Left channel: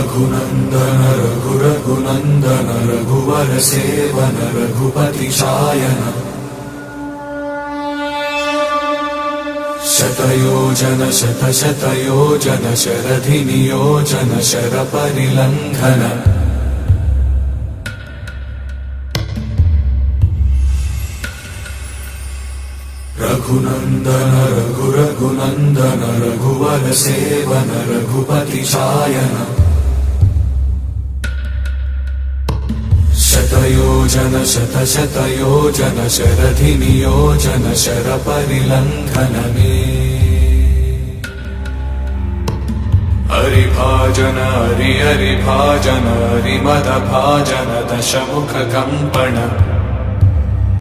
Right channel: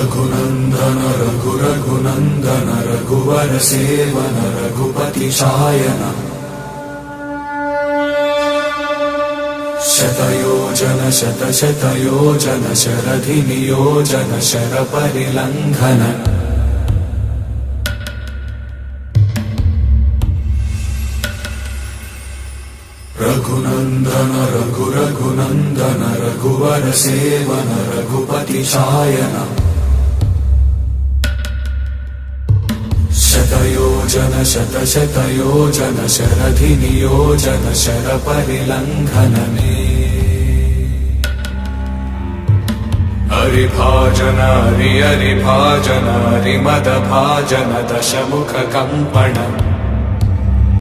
रघुनन्दन रघुनन्दन रघुवर सेवन रघुपति शायन शतयोजन शतशतयोजन शरधि नियोजन शरपरिलङ्घन रघुनन्दन रघुनन्दन रघुवर सेवन रघुपति शायन शतयोजन शतशतयोजन शरधि नियोजन शरपरिलङ्घनने हरिभाजन हरिभाजन हरिमदभाजन दशमुख कम्पण